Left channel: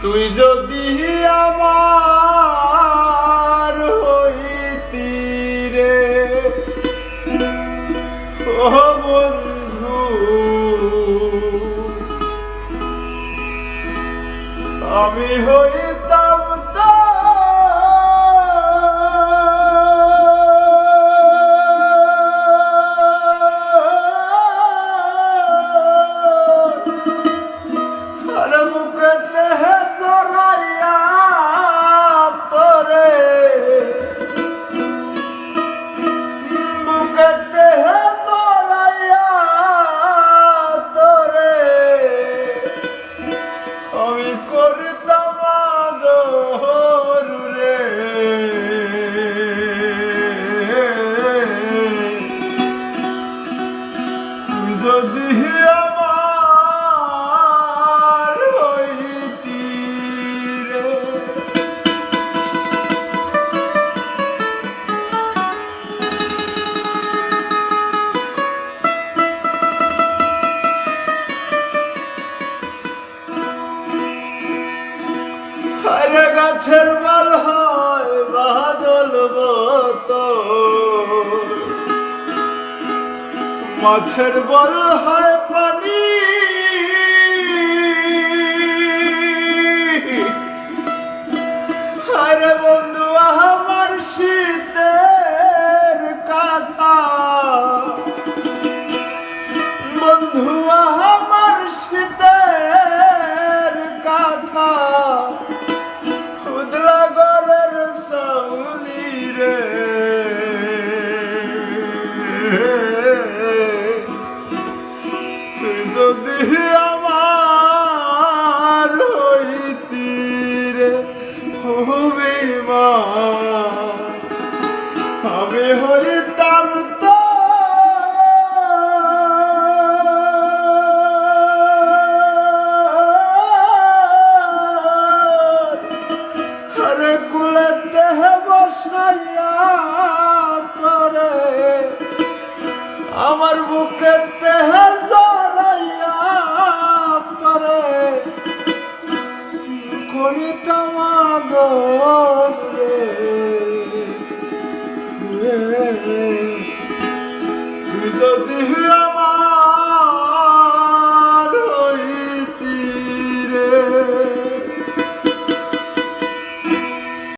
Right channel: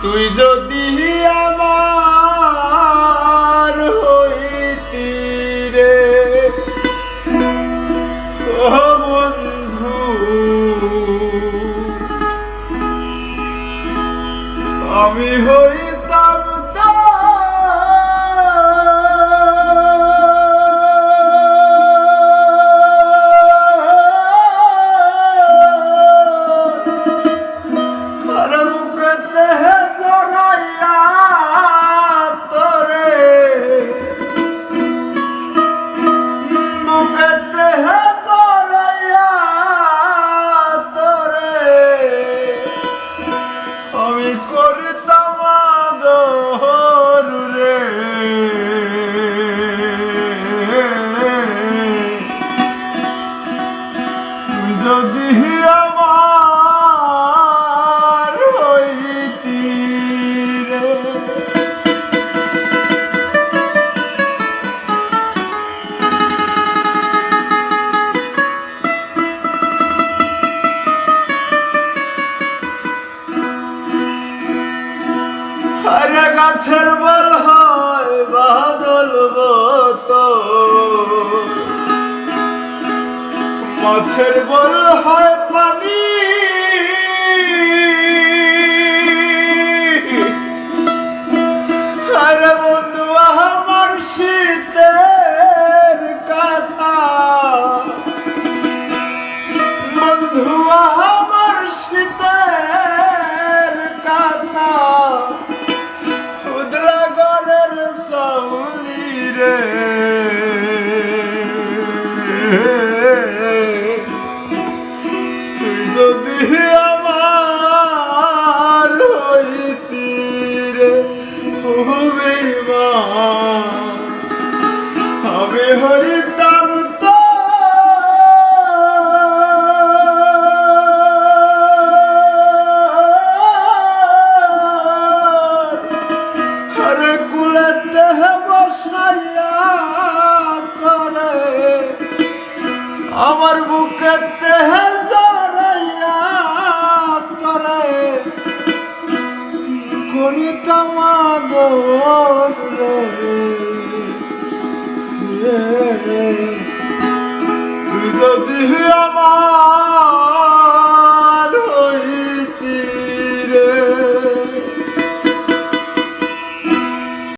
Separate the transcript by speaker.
Speaker 1: তুই যদি আমার হইতি রে ও বন্ধু আমি হইতাম আরে গাছের বল হয় বাদল তো মাছের বল হয় পানি। আরে বন্ধু, আমার শীতের কথা। বন্ধু আমার হবে মা আমি হইতাম তো। আরে কুলেতে বসাইয়া তোরে আমার বুকেতে জড়াইয়া তোরে। করিতাম আদর যদি আমার